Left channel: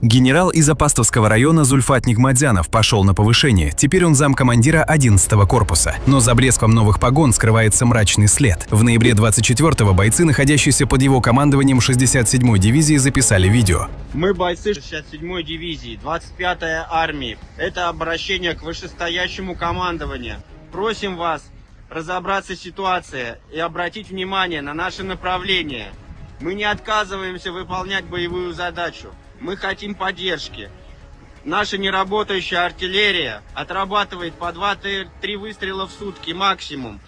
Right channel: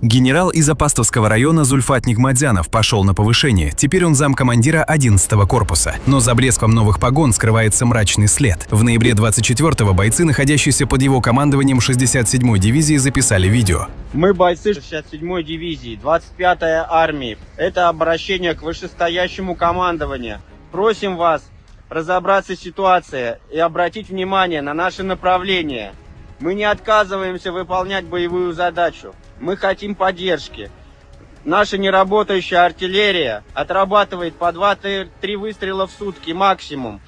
Генерал из Апастовского района Зульфат Нигматзянов пошел на повышение, теперь он замкомандира 11-го корпуса. Но за блеском новых погон скрывается мрачный след. В ноябре 24-го бойцы, находящиеся под его командованием 67-й дивизии, записали видео. Мы бойцы 67-й дивизии, 25-й армии. Это обращение к вышестоящему командованию. Просим вас разобраться в ситуации и обратить внимание на наше направление. Мы не отказываемся выполнять боевую задачу. Мы хотим поддержки. Наша неработающая артиллерия отрабатывает по 2-3 выстрела в сутки максимум.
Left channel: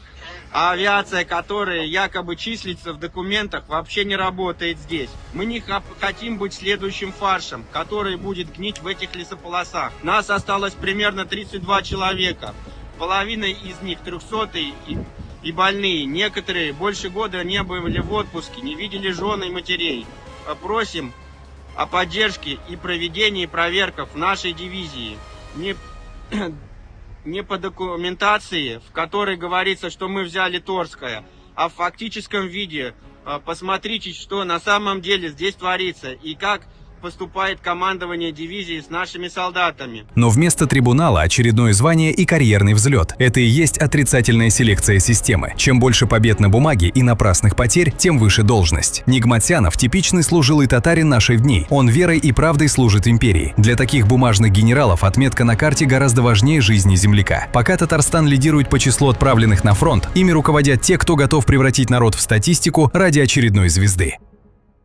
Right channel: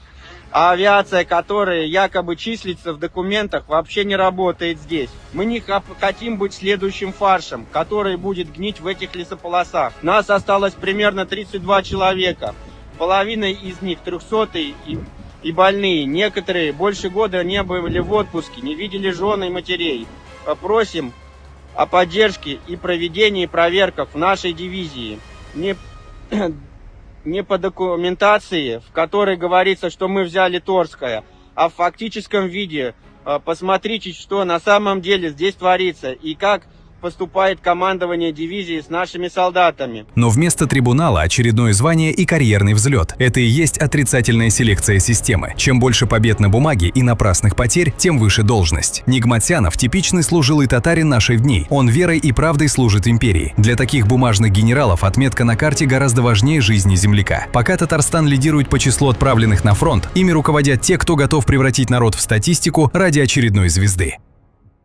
А авиация, которая якобы числится в документах, вообще не работает здесь. Мы не хотим быть следующим фаршем, который будет гнить в этих лесополосах. Нас осталось примерно 32 человека. Половина из них 300-е и больные. Некоторые больше года не были в отпуске, не видели жен и матерей. Попросим о поддержке и проведении проверок в нашей дивизии. Не по документации, в которой говорится, что мы взяли Торское, а в фактическом виде. Посмотрите, что на самом деле здесь творится и как поступает командование дивизии с нашими солдатами. Но вместо трибунала очередное звание и карьерный взлет. Это и есть отрицательная селекция системы. Чем больше побед на бумаге и напрасных потерь, тем выше должность. Нигматзянов – типичный служилый татарин наших дней. Он верой и правдой служит империи. Для таких бумажных генералов отметка на карте гораздо важнее жизни земляка. Пока Татарстан лидирует по числу отправленных на фронт, ими руководят те, кто готов превратить народ в статистику ради очередной звезды.